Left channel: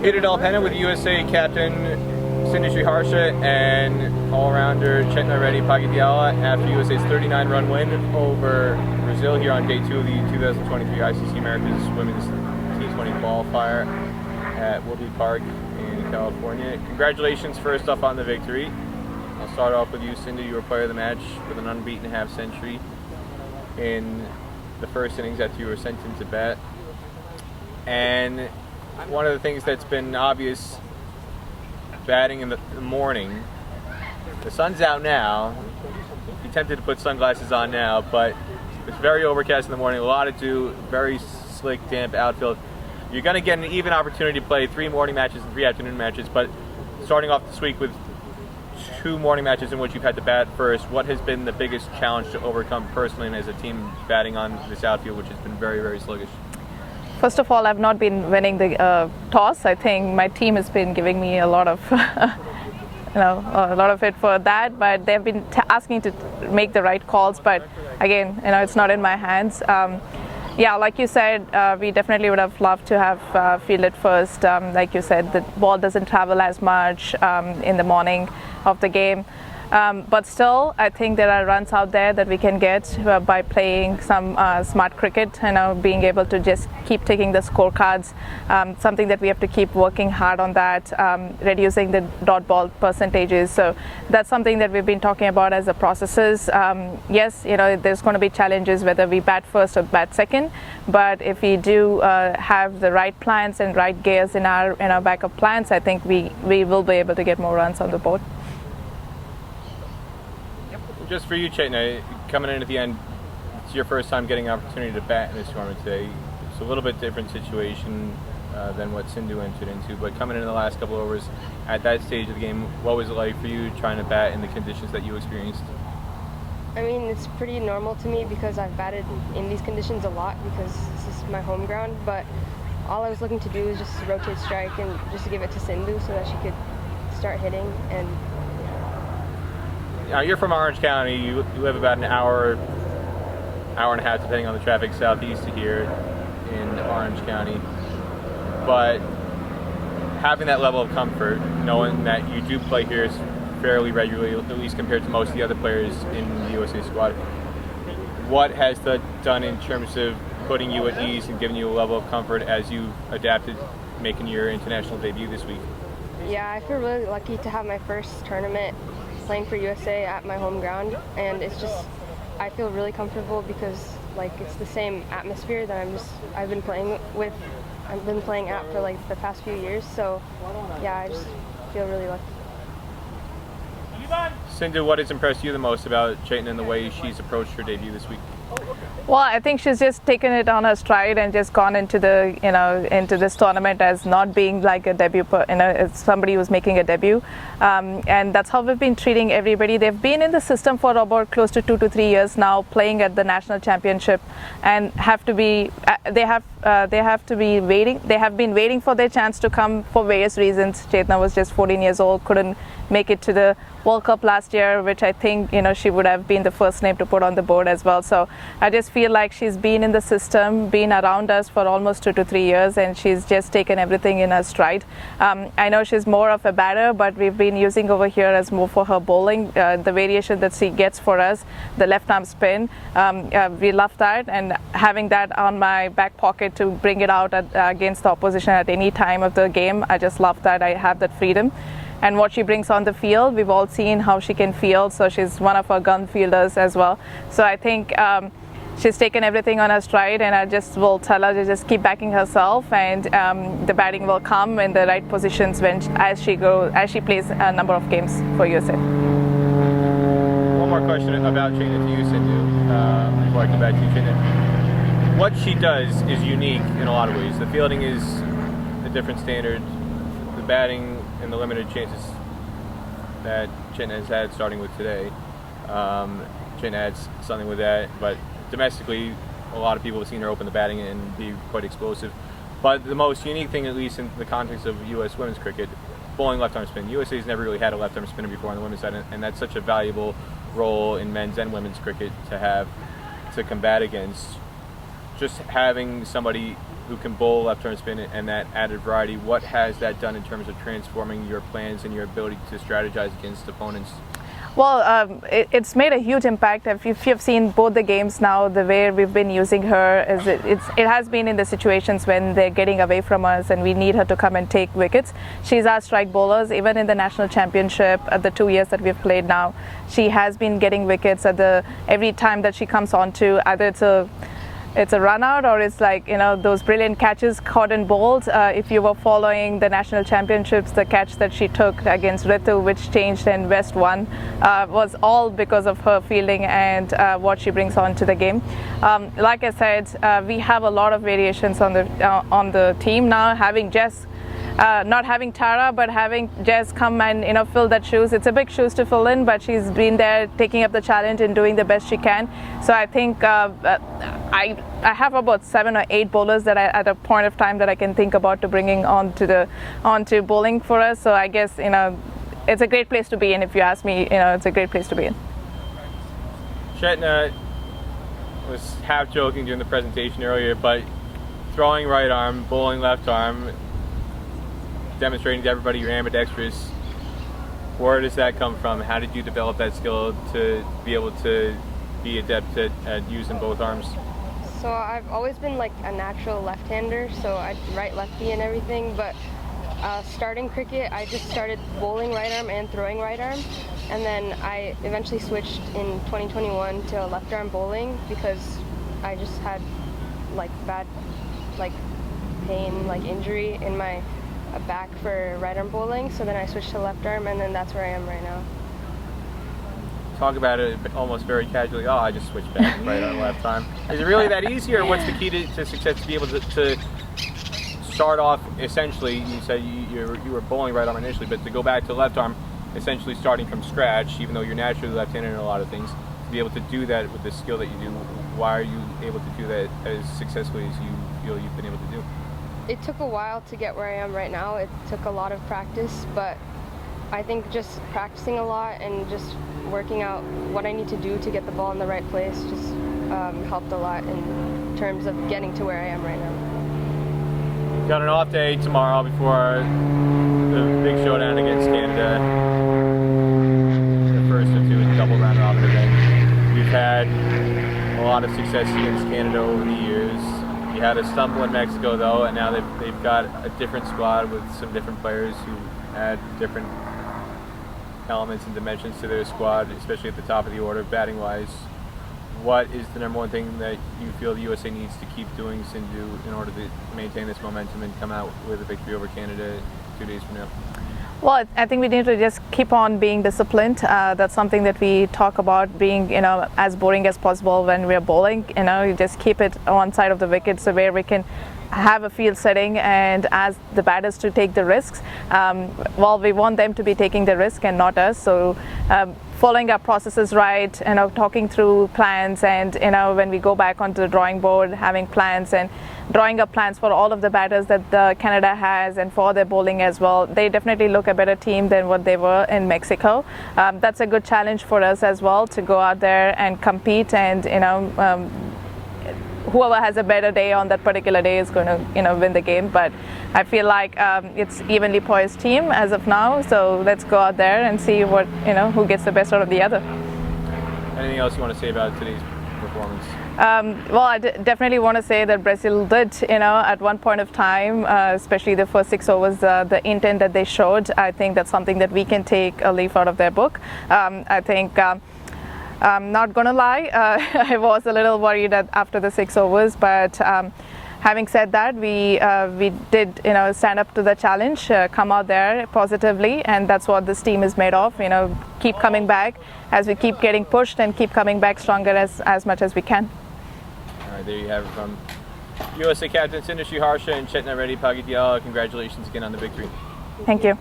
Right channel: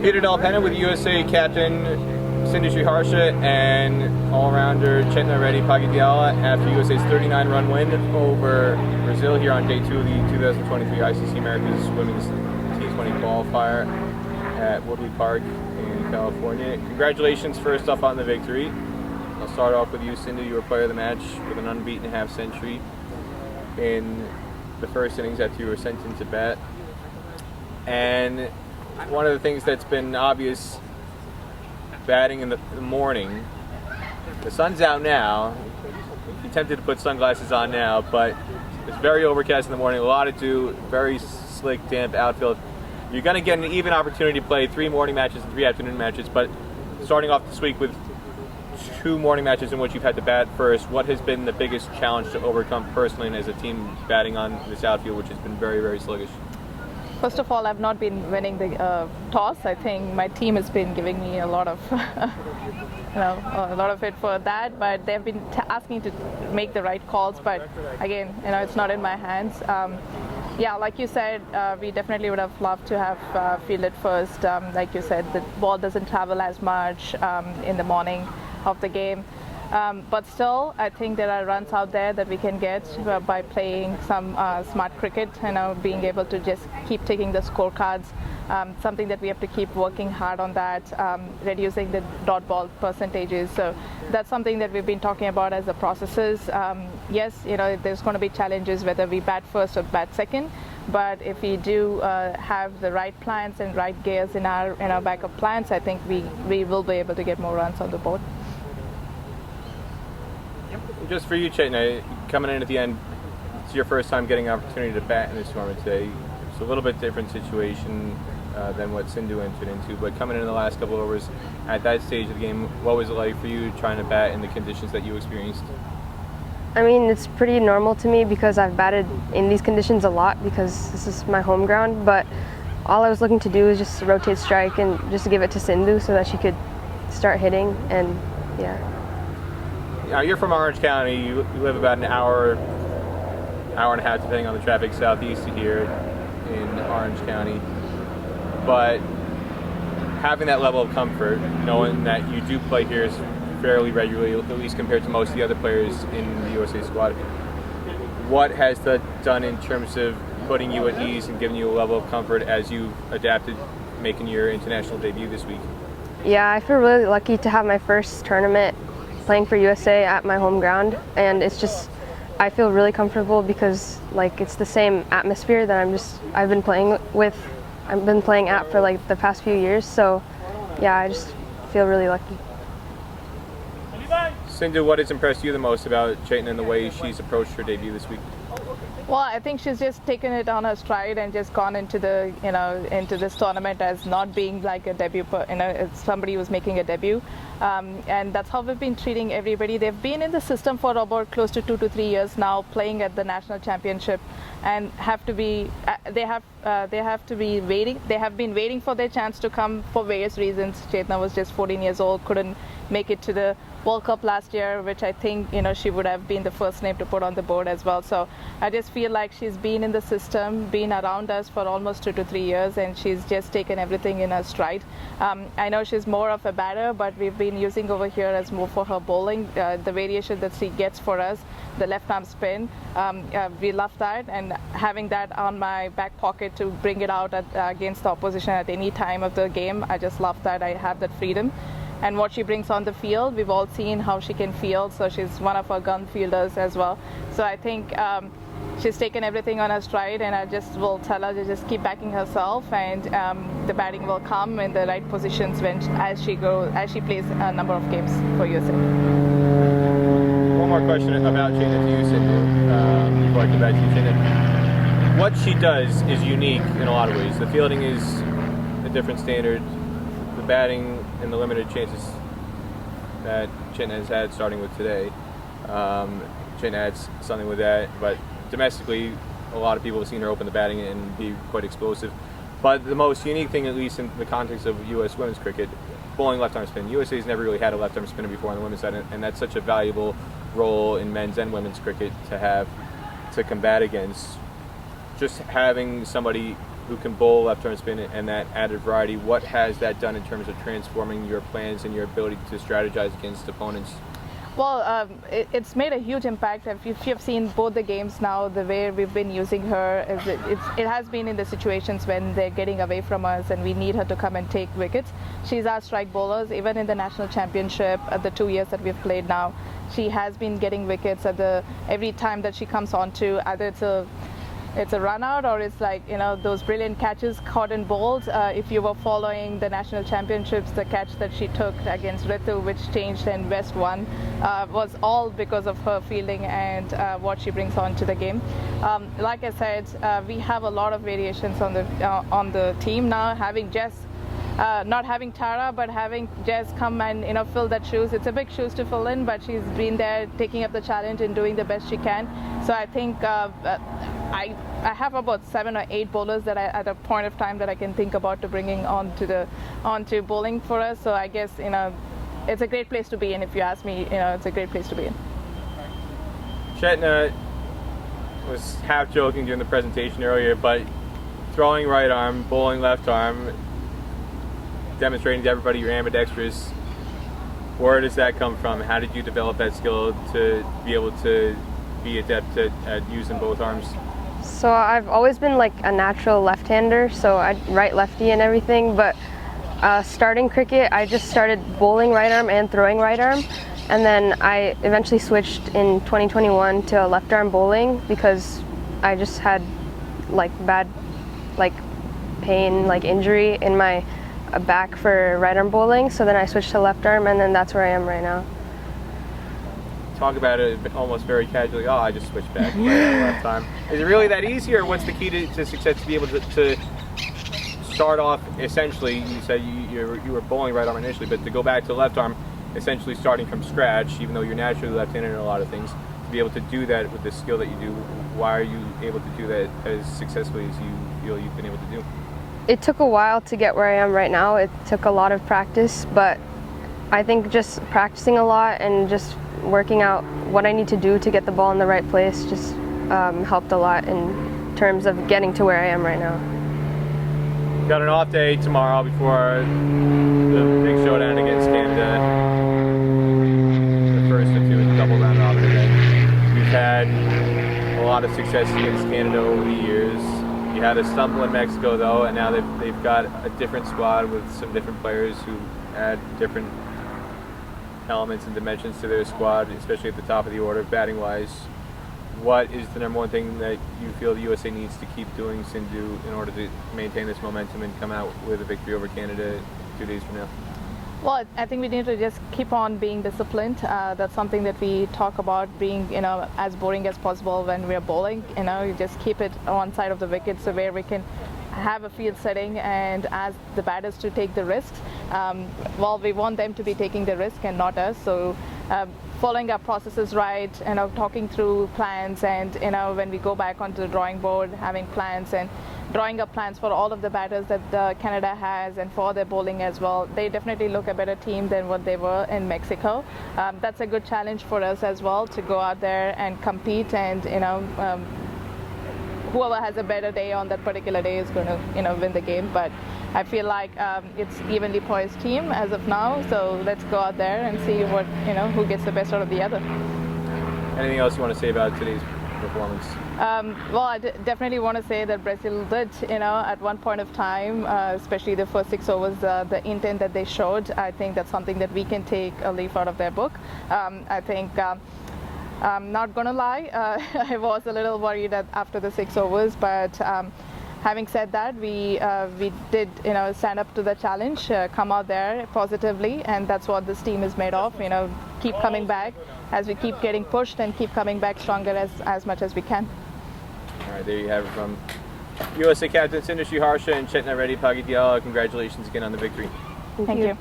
Pagydyala Penna with USA captain Sindhu Sriharsha and all-rounder Chetna Reddy Pagydyala after USA's 39-run win over Brazil here on day 2 of the 2023 ICC Americas Women's T20 Qualifier at Woodley Park in California. Congratulations first up on the victory. I'll start off with you, Sindhu. You were player of the match with an unbeaten half-century in the first innings after you were sent into bat. And one of the things that's been obvious batting in the morning, the sun's out now. You're tempted to put sunglasses on now, but it's very overcast in the morning, a lot to do, very slick, damp outfield. You're going to get an even opportunity to play 3 morning matches and 3 afternoon matches, but starting off this week with 2 morning matches in which you've had to bat first, what has been the biggest challenge to overcome personally and as a team batting on this outfield, which has been very, very sluggish? First of all, I've not been winning the toss. I think my team has been giving me a lot of, a lot of it for that. But they've been asking to make the right calls. But again, it's not in my hands. Yeah, like you said, we definitely would have loved to have fielded first. Like you said, the ball doesn't travel as much in the morning of the game. But still, I think there are runs out there that we can get by playing some smart cricket, being able to just keep taking the scorecards, something that we have to keep working hard on that, reducing the dot ball percentages. So that's something that we've been talking about as the processes. Yes, there's going to be challenges whether we bat first or bat second, but if we do have the right plans and right gears in our backup plans, I think we will be able to get more runs on the board. Just for you, Chetna, coming in at the end, it's your first time getting an opportunity to bat in this tournament today. It's a little bit different situation than what Sindhu entered into, but coming in the last couple of overs at that stage of the game, what was it like for you trying to bat in the conditions that you experienced? I mean, it's pretty normal to me because I've batted in these conditions a lot because this is my home ground, but all I was looking to do was just rotate strike and just give it to Sindhu so that she could start hitting, and yeah. Now, you're from Orange County. You live about an hour and a half, depending on the traffic, southeast of here in Orange County. But having that level of comfort, knowing that you do play here fairly regularly, at least compared to most of the other players in the USA squad, what has that done in terms of putting you at ease and giving you a level of comfort as you adapted making your international debut this week? Yeah, I feel really lucky to have my first tournament playing for USA at my home ground, and it's just, I feel really comfortable because it's the same atmosphere that I've been playing at for the past few years. So yeah, I just feel really lucky. Sindhu, what has impressed you the most about Chetna and the way she's approached her debut this week? Well, I think she's just taken it on her stride and just gone into the into this tournament as not being like a debut, as somebody who's making a debut, and that's how we've been treating everybody. They've been in the system for about close to 2 to 3 years now, playing at the national championship, and they have been waiting for their chance to come for various reasons. Chetna was just 14 years old, couldn't make it to the World Cup last year, which I think she would have been the first name to put on the board as well. So I just feel like she's been in the system, been around us for almost 2 to 3 years, and she's just taken everything in her stride. I know she's more of a batter, but we've been using over here as more for her bowling. The variation that she gets for us, the left arm spin, we love that, and having that on my back pocket to bring it out against the opposition at any time of the game, I just love that. I have that freedom. And what she brings on the field, we've all seen how she can field, so she's one of our gun fielders as well. So I think she's taken everything on her stride, and I just will tell her to just keep backing herself, and the batting will come in the right positions as she plays a number of games for USA. One more question about Chetna to you, Sindhu, before I come back to you, Chetna. What she does is unique in a lot of ways. The fielding is a different standard. The batting and the limited chances that Chetna has had starting with today. Chetna adds something with that, but domestically, a lot of people have seen her open the batting and be quite explosive. But the most unique thing, at least in the context of U.S. women's cricket, bowling left-arm spin. USA's never really had a left-arm spinner before on the women's side, and that's such a valuable role in men's and women's cricket to have to combat against. Just having somebody who can bowl left-arm spin and that added variety. What has that done in terms of transforming your plans and your ability to strategize against opponents? Well, it's made a huge impact. If you've seen both the games now, the way we've been using her is it has been in the situations when they're getting away from us and we need her to come and take wickets. She's our strike bowlers. Even in the national championship, the 2 years that we've played now, she has been getting wickets every time that she comes onto. Either it's a run out or it's like, those brilliant catches caught and bowled. If you were following the national championships, the catch that she took against Ritu, which changed and West won, was all because of her fielding and what she brings on to the game. Like I said, we have a lot of variations on the team now, having Jess not having Tara, but having Jess come and fill that shoes. It's a big shoes to fill in, but she's been there taking up the challenge and doing the best she can. So I think I have about 7 or 8 bowlers that at a point of time that I can think about to bringing onto bowling for us. So I guess it's a great place to be in. If you ask me, it's a great place to be in. Chetna was half joking during the presentation earlier, but throwing right arm, bowling left arm, demonstrating to everybody you're ambidextrous. Where does that come from? How did you develop that skill to be able to be adept at using both arms? So I've always been like a natural left-hander, so I right lefty and everything, but starting cricket, I just started bowling right arm and throwing right arm, and then I eventually switched in 2021 to left arm bowling because I just had like bad pain, injury in my back for right arm bowling, so then I switched to left arm, and then that's where I am right now. Talk about it almost very casually. Oh, I just switched back that time. Is it really that easy, or what's the key to success to be able to start off? Essentially, you said you were bowling right arm initially, but to go back to left arm, essentially starting from scratch, even though you're naturally left-handed in a lot of things, to be able to do that with the skill that you do. Why are you able to do that as successfully as you feel you've been able to do? It took a while to get where I am right now. It took a lot of practice, but I think just practicing a lot and just working out what I need to do to get the ball in the right place just helped a lot in terms of getting to where I am right now. Got an off day tomorrow before the big showdown against Canada. The first of 2 double round robin event. You've had a lot of success against Canada over the years. You had a stumble in Mexico though, and now they've got a different squad with some different players who add different elements and dimensions to their squad, especially at the top of the order, batting wise. What is the number one thing that you feel the USA needs to keep doing, Sindhu, in order to maintain this momentum and come out with a victory over Canada 2 days from now? Well, I think we need to just keep on being disciplined. That's something that we talk about, being as boring as possible when we're bowling. You just keep it on one side of the wicket so where we can have a field setting and ask the batters to take the risks. Well, we want them to be taking the risk and not us. So following our processes right, talking through plans, and when we go back onto the drawing board, having plans and drawing up plans for all of the batters that Canada has and for their bowling as well. They definitely look a better team than what they were in Mexico. That's a good challenge for us as well, to go out there and compete, and whoever has a better day on that particular day is going to win the game. But I feel like it's evenly poised team as of now, so let's go out there and see what who gets the best out of the other. Anything else you want to say about today's performance? Well, I definitely want to say that Brazil did, at one point of time, especially the first 6 overs, the intent that they showed. I think that's something that we can take a leaf out of their book. I think I'm not gonna lie, I was a little worried after the 6 overs, but having said that, we did stand up to the challenge, come out there positively, and that's what this team is made of. Keep coming back as we keep getting pushed and keep coming back stronger as much as we can. All right, there you have it from USA captain Sindhu Sriharsha and Chetna Reddy Pagydyala. Congratulations again on the victory. Thank you.